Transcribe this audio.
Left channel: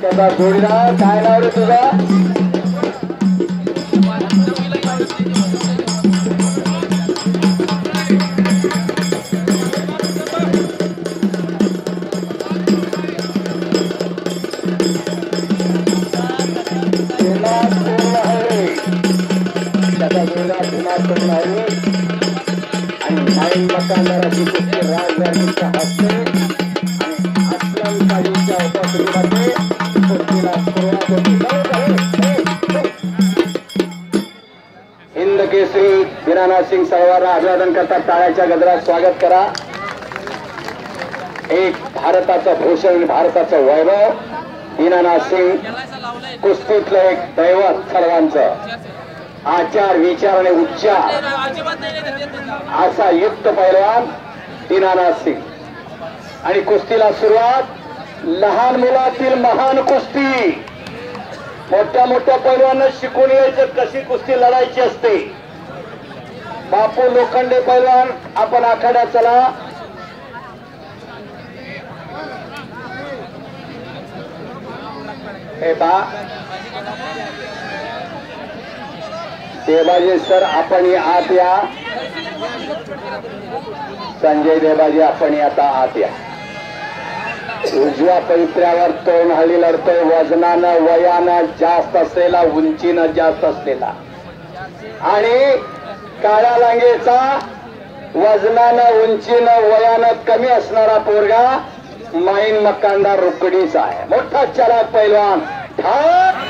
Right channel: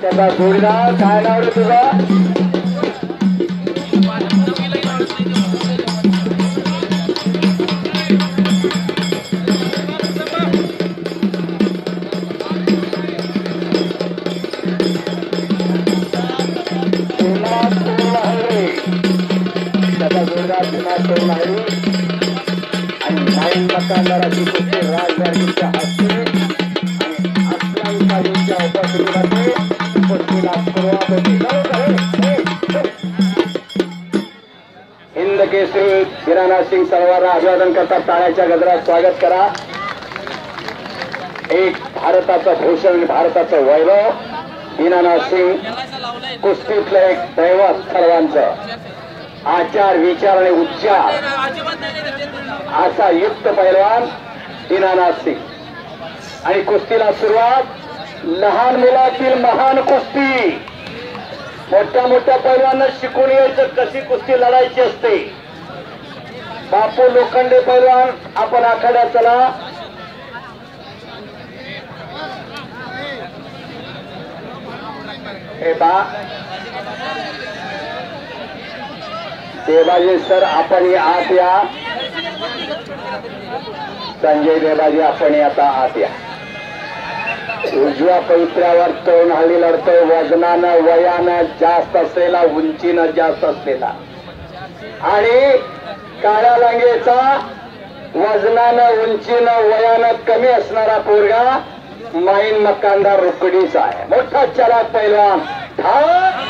त्याचा जोडीदार काय नाव रे तुझा? त्याचा जोडीदार भीमा सोनारी आणि नाईन मकानदाराची राजवारीच्या हस्ते हिंद केसरी दीनानाथ सिंग सर्वांना अभिवादन करता टाळ्याच्या गजरात स्वागत करा. एक भारताचं भूषण, भारताचं वैभव दीनानाथ सिंग, कुस्तीतलं एक दैवत सर्वांचं. आचार विचार आणि उच्चार असा युक्त पैलवान दीनानाथ सिंग. आणि कुस्तीला सुरुवात लहान मुलातील महान कुस्ती. मोठ्या मोठ्या पैलवानांना शिकून यायचं कशी कुस्ती लढायची असते. बापू लोखंडे पैलवान आपण आखाड्यात चला. हे बा देवाजी सर आपण आत या. संजय देवाजी आपण आता आत या. उजव्या पवित्र्यावर तरुण हल्ली लढतोय. वजनानं वयानं जास्त असलेला, उंचीनं जास्त असलेला आणि काळ्या लांगेचा वजनानं उंचीनं वयानं कमी असणारा पोरगा माईन मकानदार रुकडीचा आहे. मोठा चलाक पैलवान ठाक.